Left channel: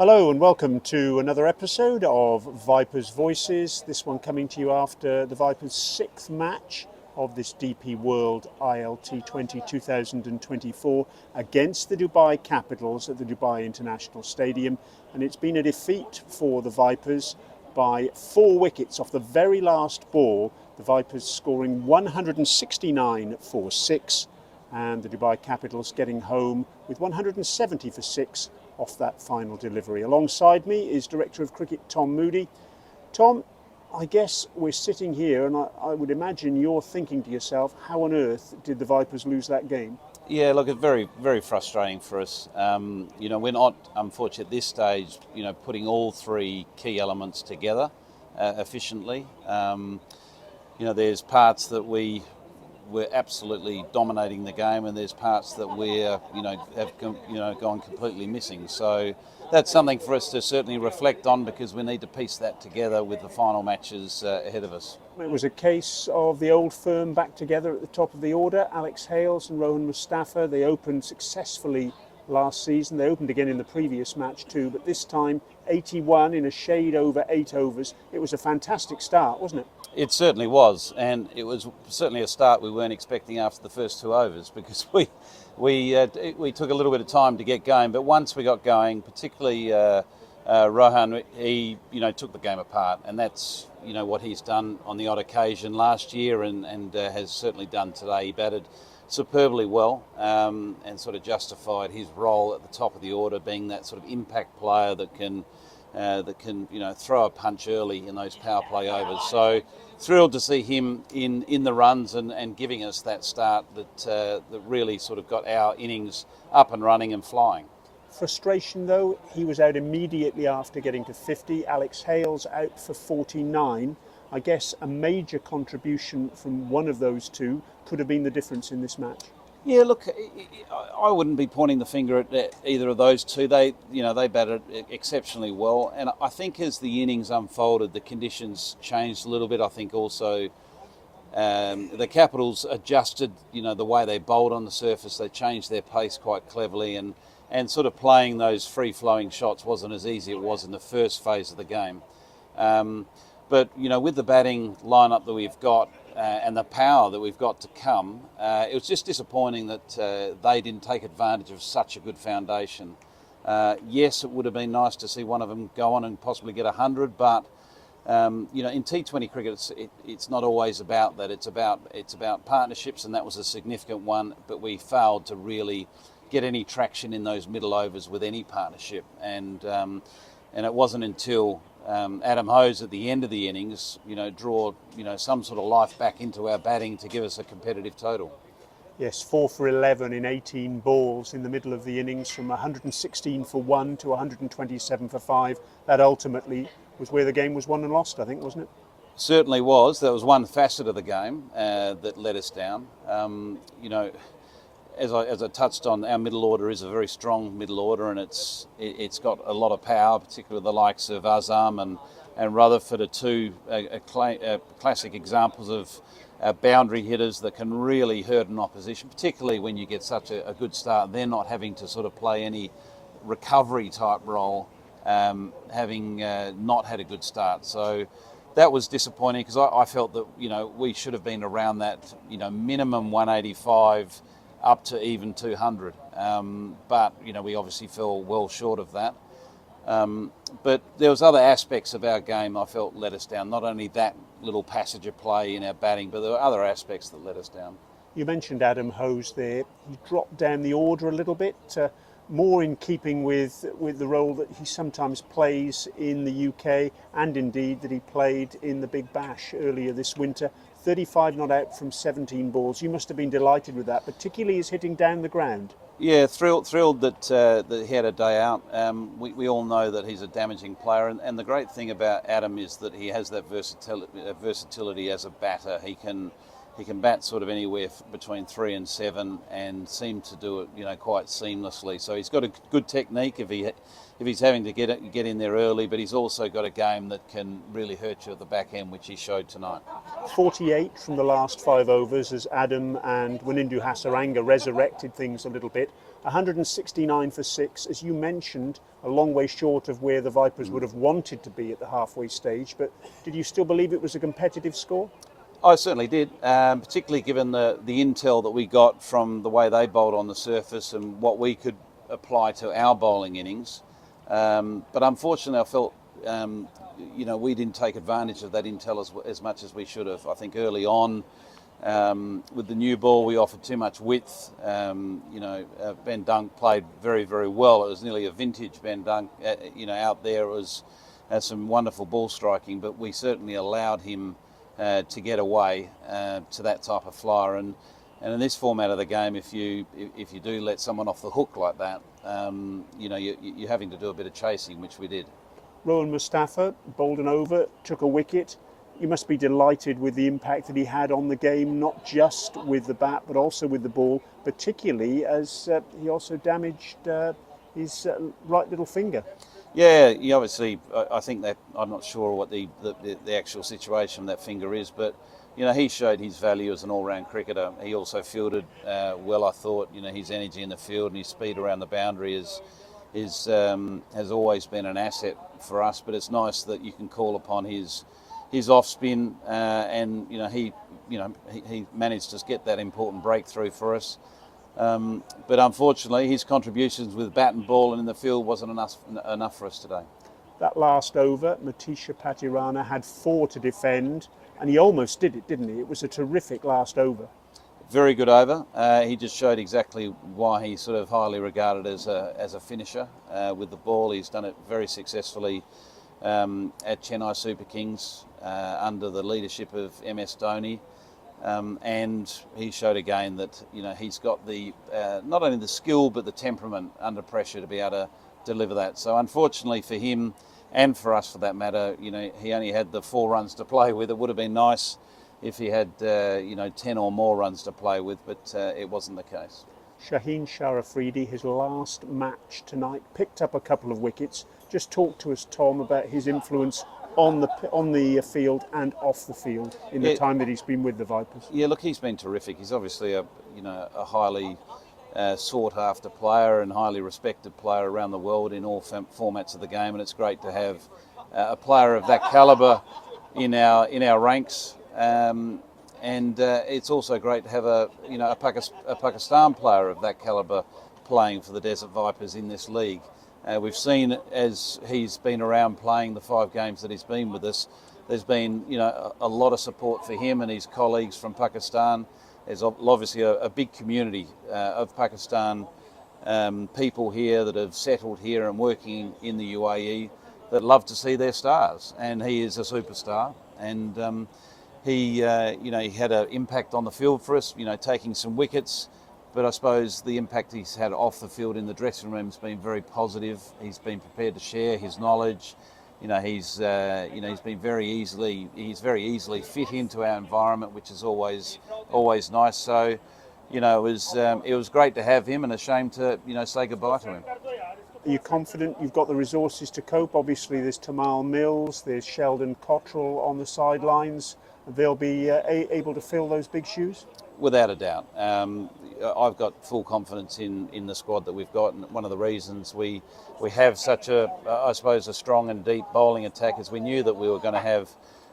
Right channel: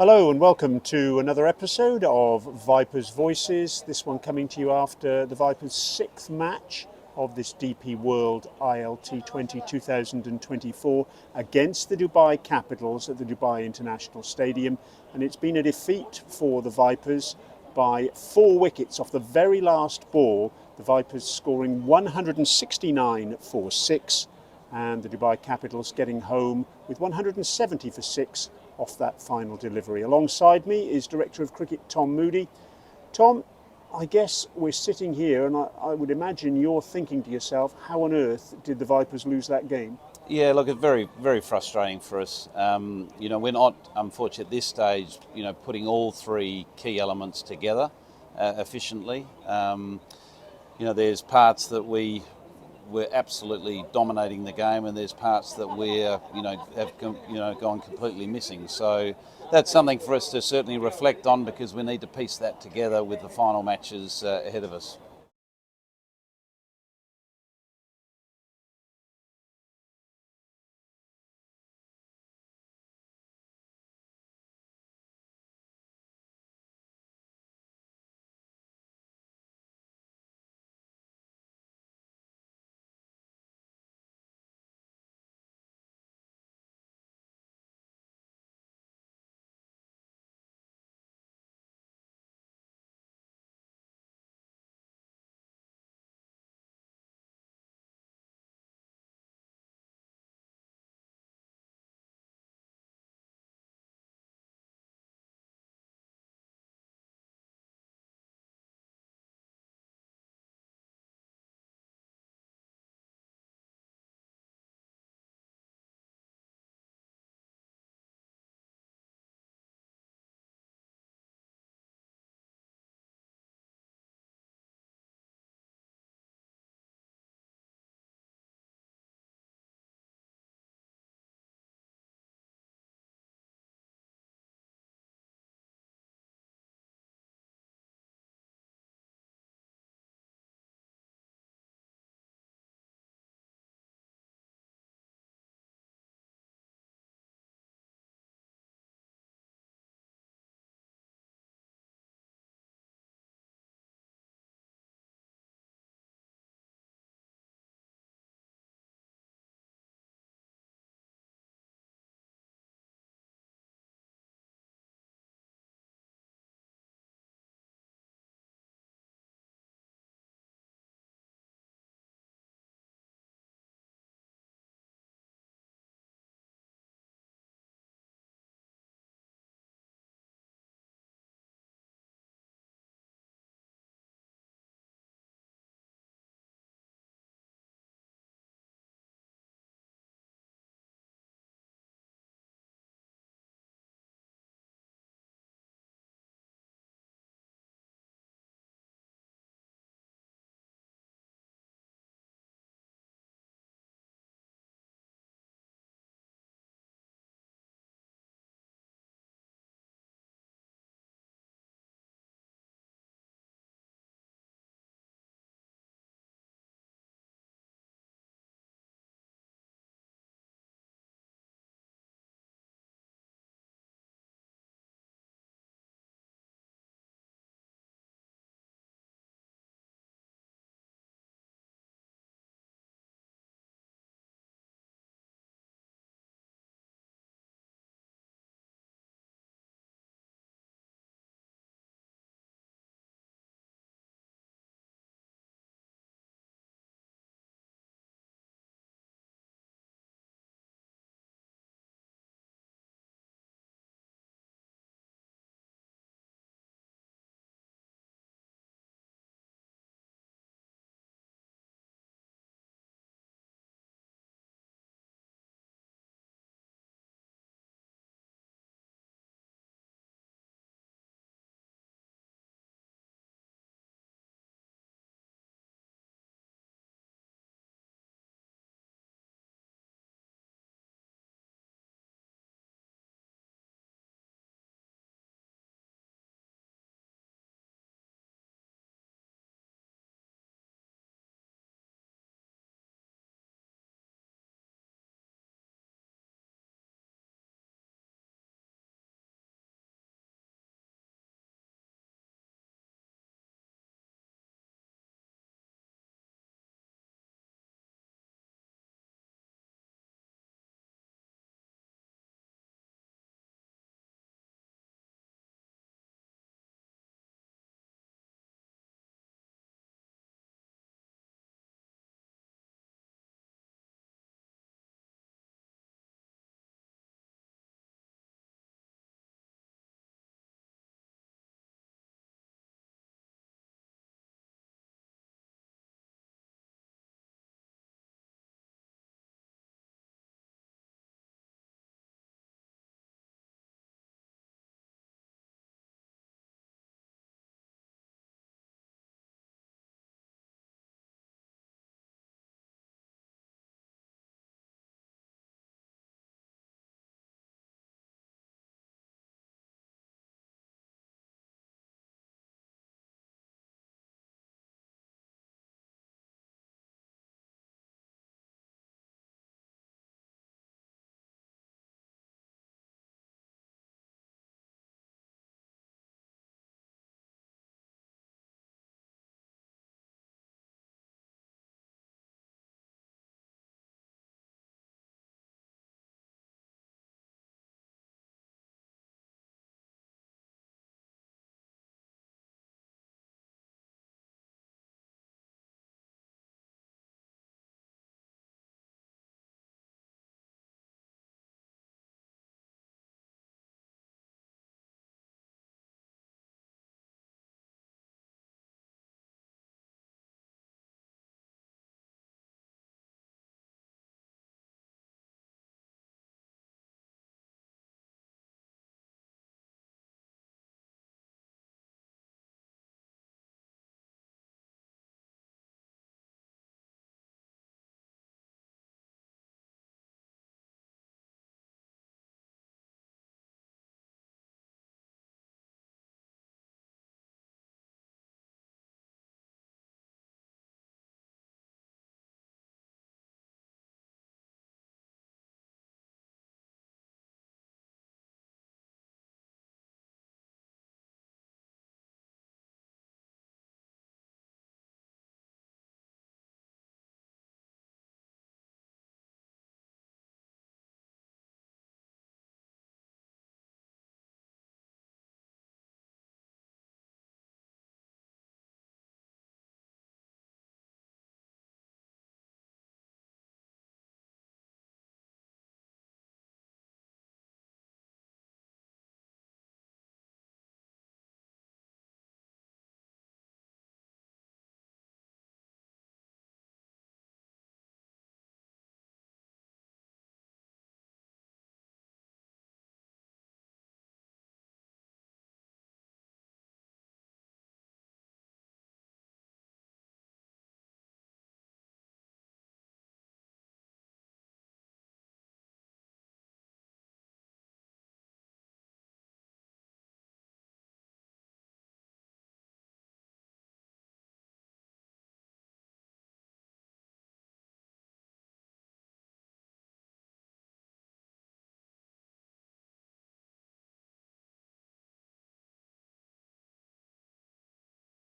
Hello and welcome to another episode of Vipers Voices. This one coming to you after the Vipers' sixth match of this DP World ILT 2024 against the Dubai Capitals at the Dubai International Stadium. And it's been a defeat for the Vipers by 4 wickets off the very last ball. The Vipers scoring 169 for 6 and the Dubai Capitals getting home with 170 for 6 off that final delivery. Alongside me is Director of Cricket Tom Moody. Tom, I guess we're sitting here and I would imagine you're thinking to yourself, how on earth did the Vipers lose that game? Yeah, look, it's very, very frustrating for us. We're not, unfortunately, at this stage, putting all three key elements together efficiently. There's parts that we're absolutely dominating the game, and there's parts that have gone completely missing. So that's something for us to certainly reflect on, because we need to piece that together with the final matches ahead of us. It was a case of the old firm back together at the top of the order. Alex Hales and Rohan Mustafa, they opened successfully last season. They opened again in the previous match too, but this time 81 in a shade over 8 overs. It was a fantastic start, wasn't it? It certainly was, and it was certainly a start we weren't expecting after the first 2 overs, because we took a little bit of time to get going. But once we got going, particularly Rohan, he took the game apart, and that's what he's done on the odd occasion last year, and has certainly done today. He batted superbly well, and sort of justified his role at the top of the order, being that sort of impact player that can throw a punch early in those power play overs. So thrilled to see him in the runs and giving us that start that really sort of got our innings up and running and flying. Frustration though, he was out immediately after getting to 50. Alex Hales out for 49. I guess a major contribution from one of those two could have been the difference in this match. Yeah, look, I wouldn't be pointing the finger at either of those two. They batted exceptionally well, and I think as the innings unfolded, the conditions changed a little bit. I think also the Capitals adjusted, the way they bowled on the surface. They changed their pace quite cleverly, and sort of playing those free-flowing shots wasn't as easy as it was in the first phase of the game. But with the batting lineup that we've got, and the power that we've got to come, it was just disappointing that they didn't take advantage of such a good foundation. Yes, it would have been nice to see one of them go on and possibly get 100, but in T20 cricket, it's not always about that. It's about partnerships, and that was a significant one. But we failed to really get any traction in those middle overs with any partnership, and it wasn't until Adam Hose at the end of the innings, draw some sort of life back into our batting to give us a competitive total. Yes, 4 for 11 in 18 balls in the middle of the innings, from 116 for 1 to 127 for 5. That ultimately was where the game was won and lost, I think, wasn't it? Certainly was. There was one facet of the game that let us down. As I touched on, our middle order is a very strong middle order, and it's got a lot of power, particularly the likes of Azam and Rutherford are two classic examples of boundary hitters that can really hurt an opposition, particularly when you get such a good start. They're not having to sort of play any recovery type role, having not had a good start. So that was disappointing, because I felt that we should have been around that minimum 185 up to even 200, but we obviously fell well short of that. But there was other aspects of our game I felt let us down. Not only that little passage of play in our batting, but there were other aspects that let us down. You mentioned Adam Hose there. He dropped down the order a little bit, more in keeping with the role that he sometimes plays in the UK, and indeed that he played in the Big Bash earlier this winter. 35 not out from 17 balls. You must have been delighted with that, particularly as hitting down the ground. Yeah, thrilled that he had a day out. We all know that he's a damaging player, and the great thing about Adam is that he has that versatility as a batter. He can bat sort of anywhere between 3 and 7, and seem to do it quite seamlessly. So he's got a good technique. If he's having to get in there early, but he's also got a game that can really hurt you at the back end, which he showed tonight. 48 from the last 5 overs as Adam and Wanindu Hasaranga resurrected things a little bit. 169 for 6, as you mentioned, a long way short of where the Vipers would have wanted to be at the halfway stage. But did you still believe it was a competitive score? I certainly did, particularly given the intel that we got from the way they bowled on the surface and what we could apply to our bowling innings. But unfortunately, I felt we didn't take advantage of that intel as much as we should have. I think early on, with the new ball, we offered too much width. Ben Dunk played very, very well. It was nearly a vintage Ben Dunk. Out there it was some wonderful ball striking, but we certainly allowed him to get away to that type of flyer. And in this format of the game, if you do let someone off the hook like that, you're having to do a bit of chasing, which we did. Rohan Mustafa bowled an over, took a wicket. You must be delighted with the impact that he had on the game, not just with the bat, but also with the ball, particularly as he also damaged his right little finger. Yeah, obviously, I think that I'm not sure what the actual situation of that finger is, but he showed his value as an all-round cricketer. He also fielded well, I thought. His energy in the field and his speed around the boundary has always been an asset for us. But it's nice that you can call upon his off spin, and he managed to get that important breakthrough for us. But unfortunately, his contributions with bat and ball and in the field wasn't enough for us today. That last over, Matisha Patirana had 4 to defend, and he almost did it, didn't he? It was a terrific last over. Very good over. He just showed exactly why he's sort of highly regarded as a finisher with the ball. He's done it very successfully at Chennai Super Kings under the leadership of MS Dhoni. And he showed again that he's got the not only the skill but the temperament under pressure to be able to deliver that. So unfortunately for him and for us for that matter, he only had the 4 runs to play with. It would have been nice if he had 10 or more runs to play with, but it wasn't the case. Shaheen Sharafridi, his last match tonight, picked up a couple of wickets. Just talk to us, Tom, about his influence on the field and off the field in the time that he's been with the Vipers. Yeah, look, he's been terrific. He's obviously a highly sought after player and highly respected player around the world in all formats of the game, and it's great to have a player of that calibre in our ranks. And it's also great to have a Pakistan player of that calibre playing for the Desert Vipers in this league. We've seen as he's been around playing the 5 games that he's been with us, there's been a lot of support for him and his colleagues from Pakistan. There's obviously a big community of Pakistan people here that have settled here and working in the UAE that love to see their stars, and he is a superstar. And he had an impact on the field for us, taking some wickets. But I suppose the impact he's had off the field in the dressing room has been very positive. He's been prepared to share his knowledge. He's been very easily fit into our environment, which is always nice. So, it was great to have him, and a shame to say goodbye to him. Are you confident you've got the resources to cope? Obviously, there's Tamal Mills, there's Sheldon Cottrell on the sidelines. They'll be able to fill those big shoes? Without a doubt. I've got full confidence in the squad that we've got, and one of the reasons we have such a strong and deep bowling attack is we knew that we were going to have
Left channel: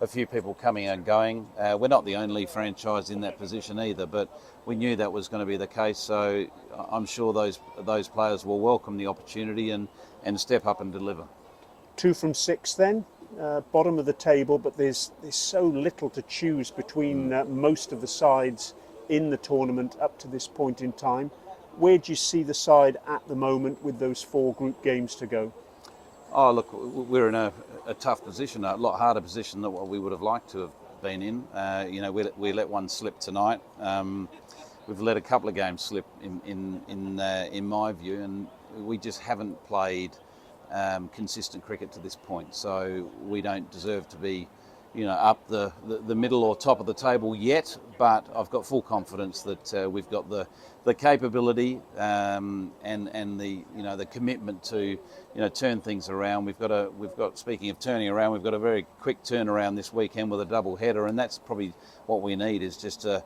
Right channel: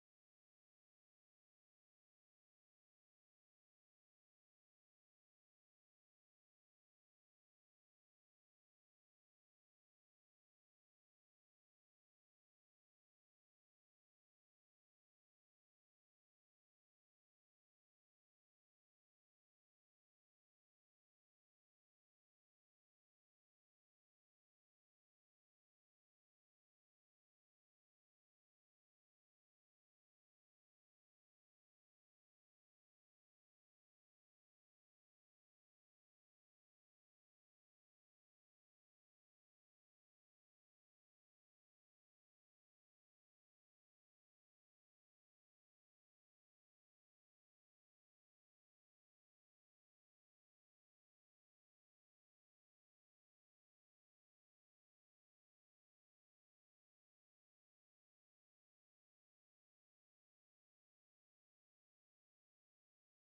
a few people coming and going. We're not the only franchise in that position either, but we knew that was going to be the case. So I'm sure those players will welcome the opportunity and step up and deliver. 2 from 6 then, bottom of the table, but there's so little to choose between most of the sides in the tournament up to this point in time. Where do you see the side at the moment with those 4 group games to go? Oh, look, we're in a tough position, a lot harder position than what we would have liked to have been in. We let one slip tonight. We've let a couple of games slip in my view, and we just haven't played consistent cricket to this point. So we don't deserve to be up the middle or top of the table yet, but I've got full confidence that we've got the capability and the commitment to turn things around. We've got speaking of turning around, we've got a very quick turnaround this weekend with a double header, and that's probably what we need, is just to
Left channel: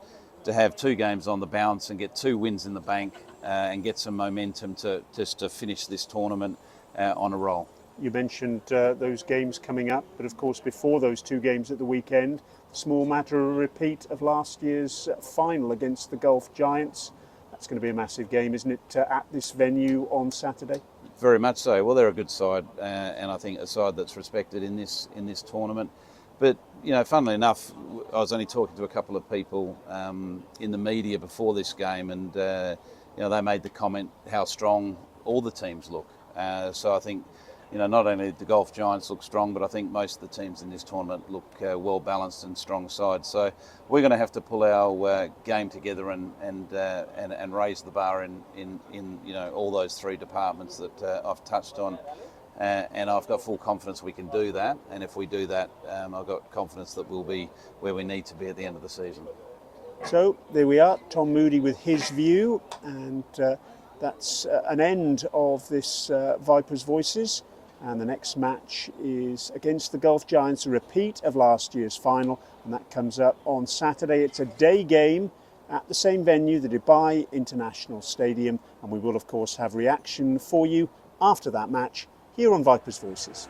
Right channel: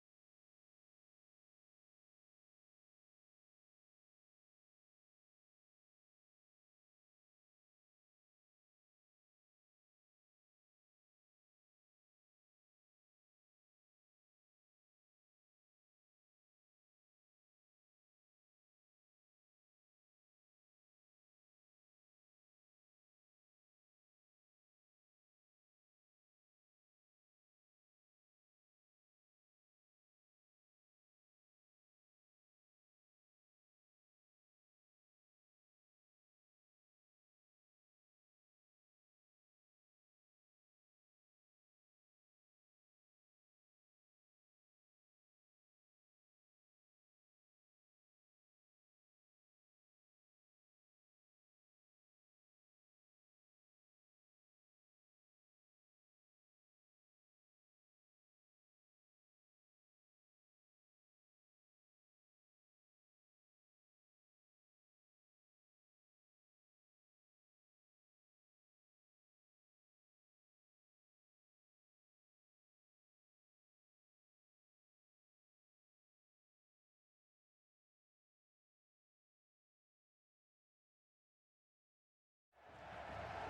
have 2 games on the bounce and get 2 wins in the bank and get some momentum to finish this tournament on a roll. You mentioned those games coming up, but of course before those 2 games at the weekend, small matter of a repeat of last year's final against the Gulf Giants. That's going to be a massive game, isn't it, at this venue on Saturday? Very much so. Well, they're a good side, and I think a side that's respected in this tournament. But funnily enough, I was only talking to a couple of people in the media before this game, and they made the comment how strong all the teams look. So I think not only the Gulf Giants look strong, but I think most of the teams in this tournament look well balanced and strong sides. So we're going to have to pull our game together and raise the bar in all those 3 departments that I've touched on. And I've got full confidence we can do that. And if we do that, I've got confidence that we'll be where we need to be at the end of the season. So there we are, Tom Moody with his view, and that's an end of this Vipers Voices. And the next match is against the Gulf Giants, a repeat of last year's final, and that comes up on Saturday. It's a day game at the same venue, the Dubai International Stadium, and we will of course have reaction for you after that match here on Vipers Voices.